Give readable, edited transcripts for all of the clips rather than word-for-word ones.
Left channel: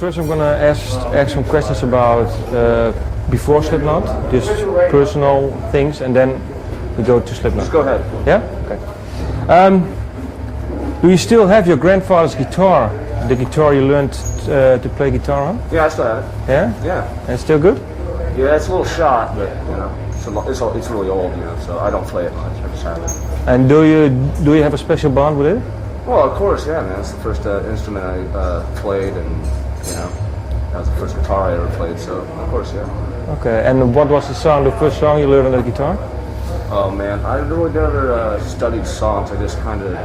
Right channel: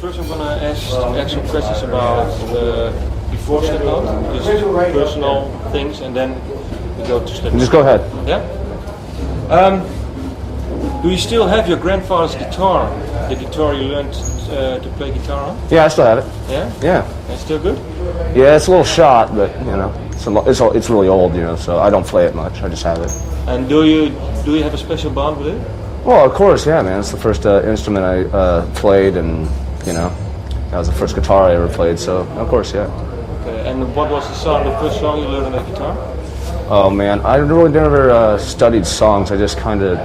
First, I'm gonna ask some questions about before Slipknot, just personal things, and then we go to Slipknot. Just go ahead. Yeah. Okay. Do you still have your grandfather's guitar? The guitar you learned to play guitar on? Yeah, I still have it. Yeah. Yeah. And it's still good? Yeah, it's a little shot, but you know, it's really old, you know, so I don't play it much. I just have it. And do you have a special bond with it? Well, of course, yeah, man. It's the first instrument I played, and you know, that was the first guitar I ever played. So, of course, yeah. Okay. And what was the first song you learned on the guitar? Oh man, I really never studied songs. I just kind of,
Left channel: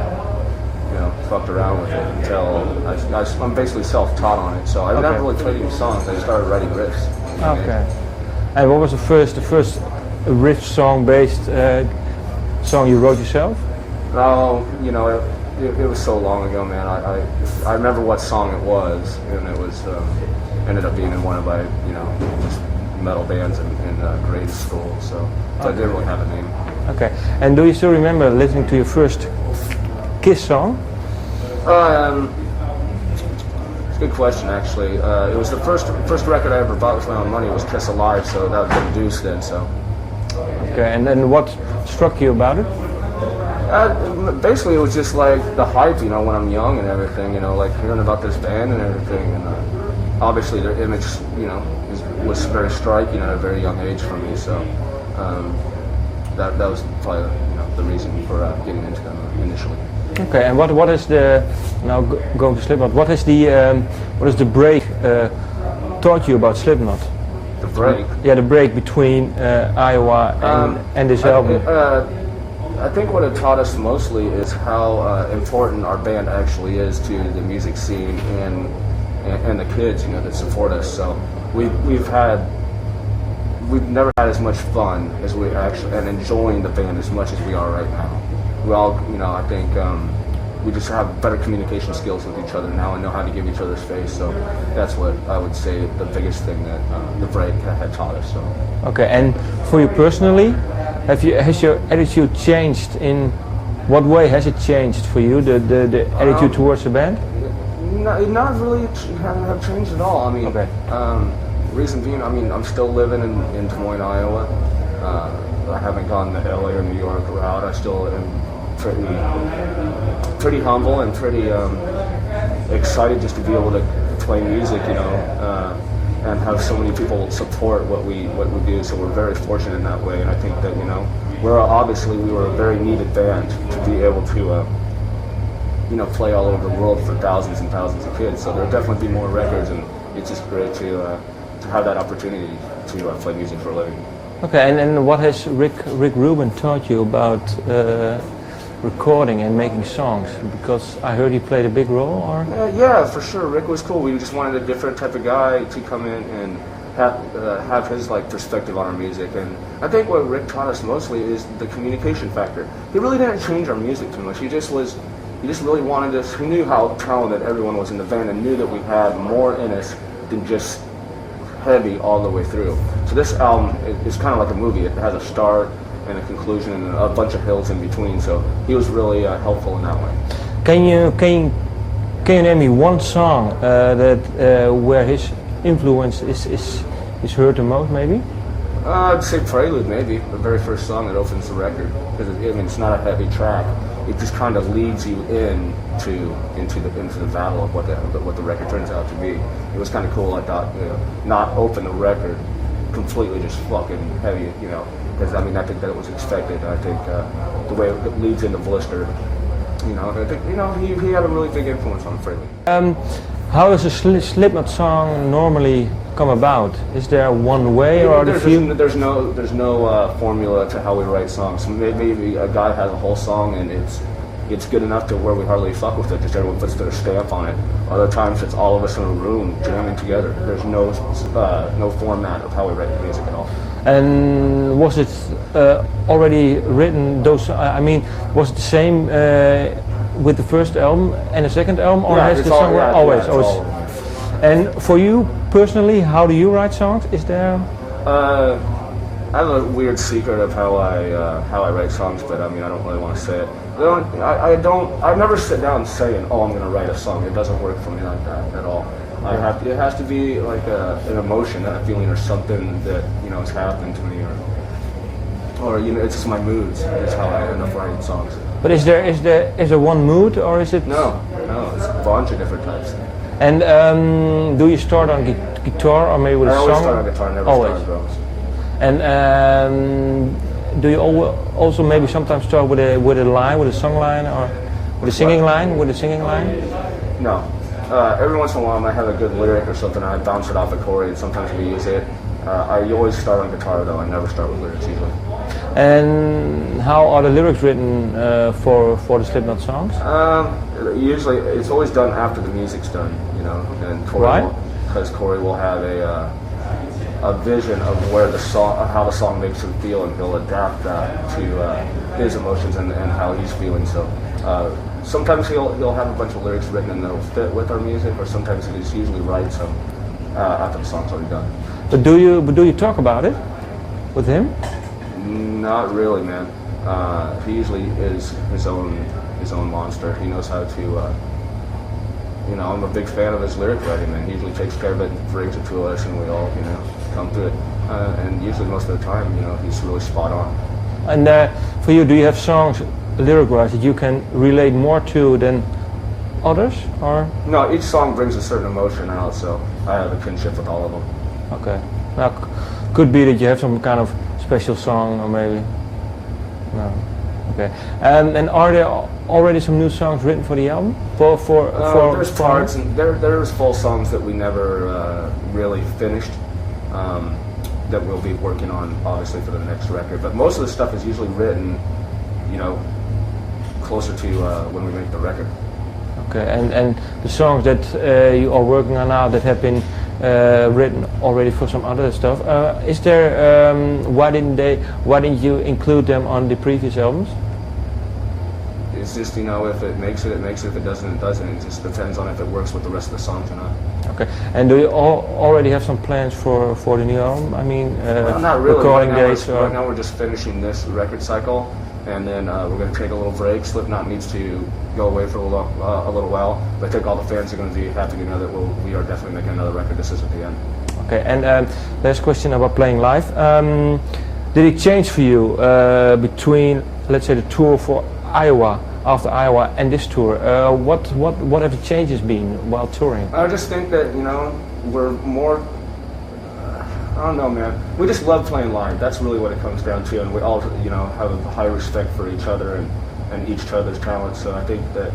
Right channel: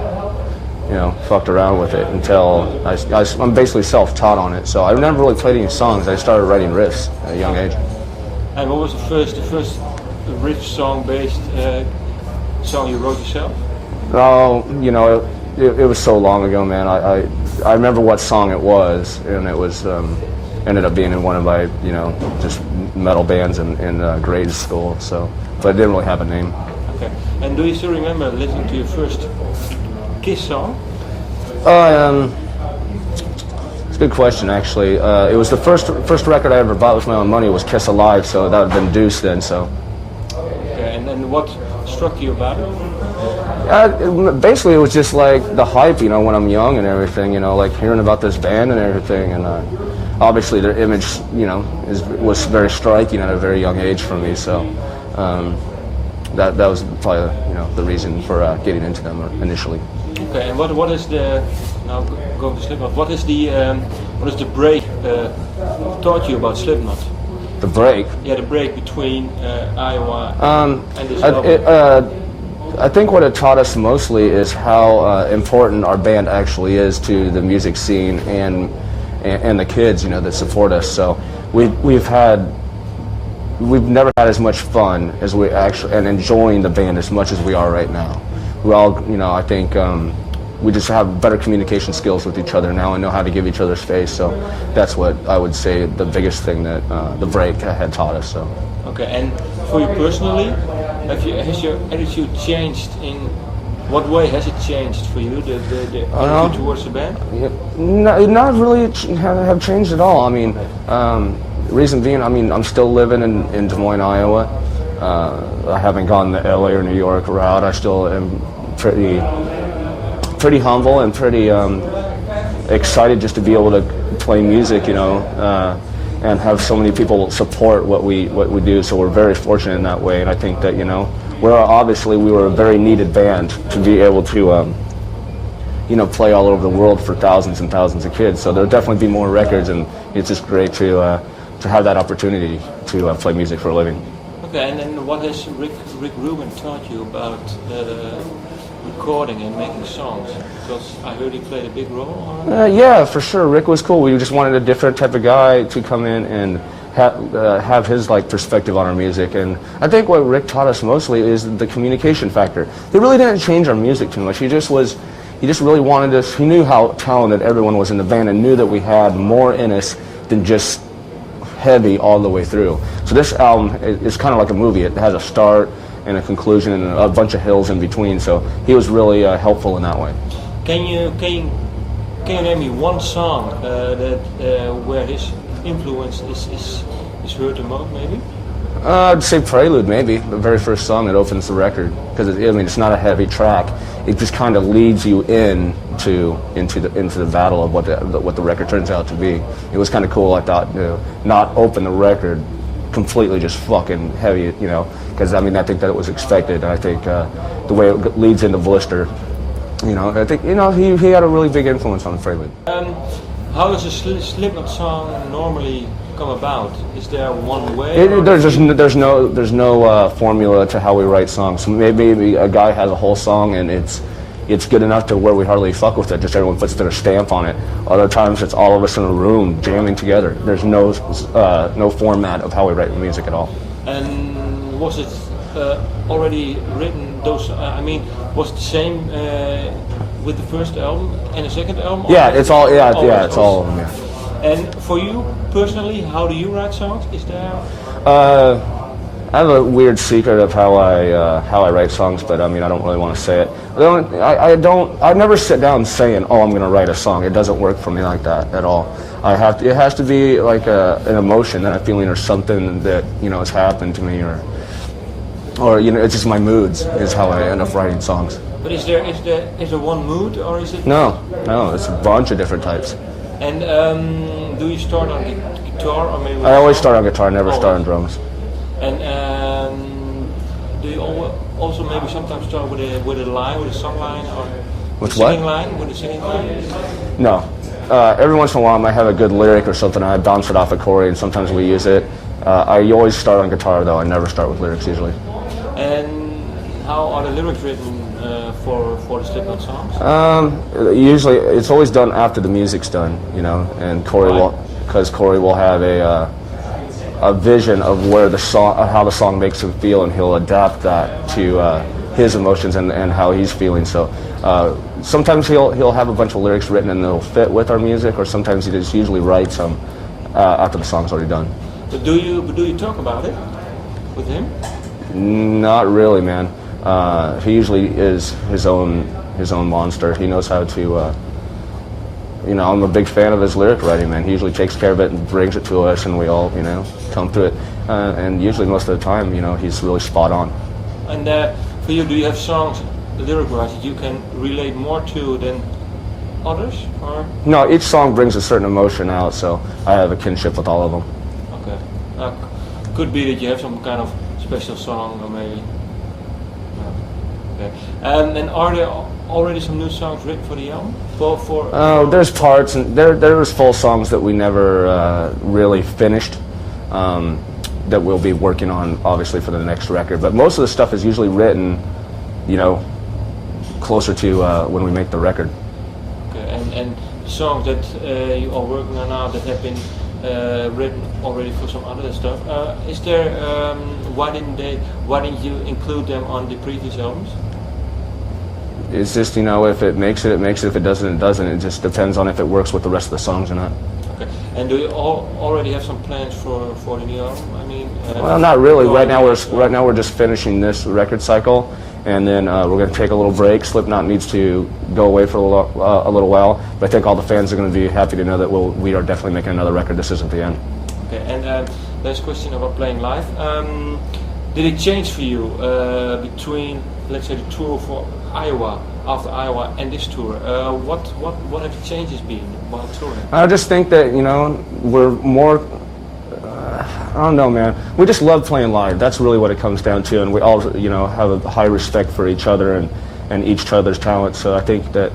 you know, fucked around with it until I'm basically self-taught on it. So I never really played any songs. I started writing riffs at a young age. And what was the first riff song-based song you wrote yourself? Oh, you know, it was so long ago, man. I remember what song it was, and it was ended up being in one of my, you know, just metal bands in grade school. So, but it didn't really have a name. Okay. And do you still remember listening to your first Kiss song? It's a good question, actually. It was the first record I ever bought with my own money was Kiss Alive, so that would have been Deuce then. So. Okay. And then what struck you about it? Basically, it was just like the hype, you know, when I'm young and everything, you know, like hearing about this band and everything, and obviously their image, you know, was very striking at a very young age for me. So that was probably, you know, the reason for getting into them initially. Okay, and what is the going to Slipknot? What is the break taught you about Slipknot? The break? Yeah, the break between Iowa and this album. I think what it taught us mostly is how important our band actually is to the music scene and the kids, you know, that support us. So we've never had as much fun as we actually, and enjoying the band as much as we are right now. We all, you know, I think we just have better communication skills with each other now and know how to give each other space. So that's what I would say the biggest thing that the break had taught us. So. Okay, and for you personally, has your attitude changed? In what way has it changed for you, the attitude towards the band? Yeah, not really have changed at all. I mean, reason being, I mean, I'm still living in Des Moines, Iowa. I haven't gone the LA or New York route. I still am pretty humble and pretty excited just to be able to play music, you know, and have so many people support what we do. So we're very fortunate in that way. And I think that, you know, we were a very needed band to be able to, you know, play all over the world for thousands and thousands of kids. So there'll definitely be more records, and it's just great to have that opportunity to play music for a living. Okay, and what has Rick Rubin taught you about recording and making songs? Because I heard he played a big role. Or? Yeah, for sure. Rick was cool. We just wanted a different type of guy to come in and have his like perspective on our music. And I think what Rick taught us mostly is the communication factor. He really didn't change our music too much. He just really wanted us. He knew how talented everyone was in the band and knew that we had more in us than just heavy all the way through. So this album is kind of like a movie. It has a start and a conclusion and a bunch of hills in between. So he was really helpful in that way. Can you name me one song where his influence is heard the most, maybe? I'd say Prelude, maybe the very first song that opens the record, because I mean it's not a heavy track. It just kind of leads you into the battle of what the record turns out to be. It was kind of cool. I thought, you know, not open the record completely just fucking heavy, you know, because I mean I think that it was expected. And I think the way it leads into Blister, you know, I think, you know, he had a really big influence on Prelude. How does a Slipknot song normally come about? Is there one way? There's no formula to how we write songs. Maybe a guy has a whole song and it's good enough to where we hardly fuck with it. Just everyone puts their stamp on it. Other times it's all of us in a room jamming together. There's no format of how we write the music at all. And was it already written? I mean, was it the same with the first album and the second album? Yeah, it's all. Yeah, it's all. Yeah. And for you personally, how do you write songs? Is there? I have a weird secret of how I write songs, but I mean I don't really want to say it. I never sit down saying, oh, I'm going to write a song. It doesn't work for me like that at all. It has to be like an emotion that I'm feeling, or something that has happened to me, or it's just my moods is how I end up writing songs. But is there one mood, or is it? No, it's a bunch of different types. And do you start on guitar or maybe with I a always song? start on guitar, never start on drums. And do you also maybe sometimes start with a line, with a song line, or With the singing what? line? With a singing line? No. Every once in a while I might have a good lyric or something, I bounce it off of Corey, and sometimes we use it. I always start on guitar though, I never start with lyrics usually. And how are the lyrics written for the Slipknot songs? Usually it's always done after the music's done, and Corey Why? because Corey will have a vision of where the song, how the song makes him feel, and he'll adapt that to his emotions and how he's feeling. So sometimes he'll have a bunch of lyrics written and they'll fit with our music, or sometimes he just usually writes them after the song's already done. But do you talk about it with him? Not really, man. He usually is his own monster. He knows how to. I'm a big fan of his lyric writing, man. He usually takes care of it and brings it to us, and we all, come to it. And usually, most of the time, he's really spot on. And for you, do you have songs, lyric-wise, that you can relate more to than others, or? No, each song brings a certain emotion out, so I have a kinship with all of them. Okay. Now, could be that you have some kind of special song, or maybe. No. Okay. And are there already some new songs written for the album? There's parts, and there's full songs that we never really finished. That we'll be working on, obviously, for the next record. But most of the stuff is usually written, closer to when we make the record. Okay, and the songs that you are working on now that have been written already for some other stuff, is there? Why didn't you include them on the previous albums? It's just, if it makes it, it makes it. If it doesn't, it doesn't. It just depends on if it works with the rest of the songs or not. Okay, and do you already have some plans for the new album? I mean, well, not really. Right now recording we're just finishing this record cycle, and then we're going to take a little break. Slipknot needs to go away for a little while, but I think all the fans are going to be happy to know that we are definitely making another record. This isn't the end. Okay, and last question about playing live. Did it change for you between, let's say, the tour for Iowa, after Iowa, and this tour? What have the changes been while touring? I just think that we're more. I don't know, man. We just love playing live. That's really what it comes down to, and we all have a high respect for each other and each other's talent. So I think that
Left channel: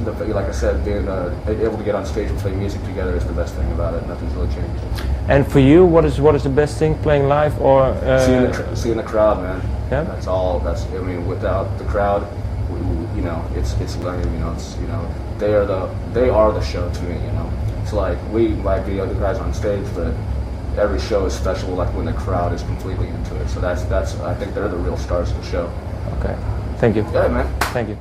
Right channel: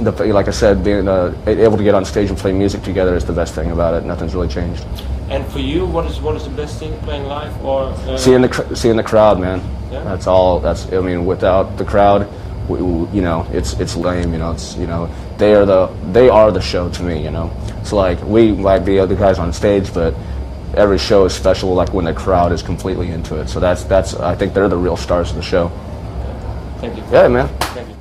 like I said, being able to get on stage and play music together is the best thing about it. Nothing's really changed. And for you, what is the best thing, playing live or seeing the crowd, man? Yeah? That's all. Without the crowd, it's lame. They are the show to me. It's like we might be other guys on stage, but every show is special. Like when the crowd is completely into it. So that's I think they're the real stars of the show. Okay. Thank you. Yeah, man. Thank you.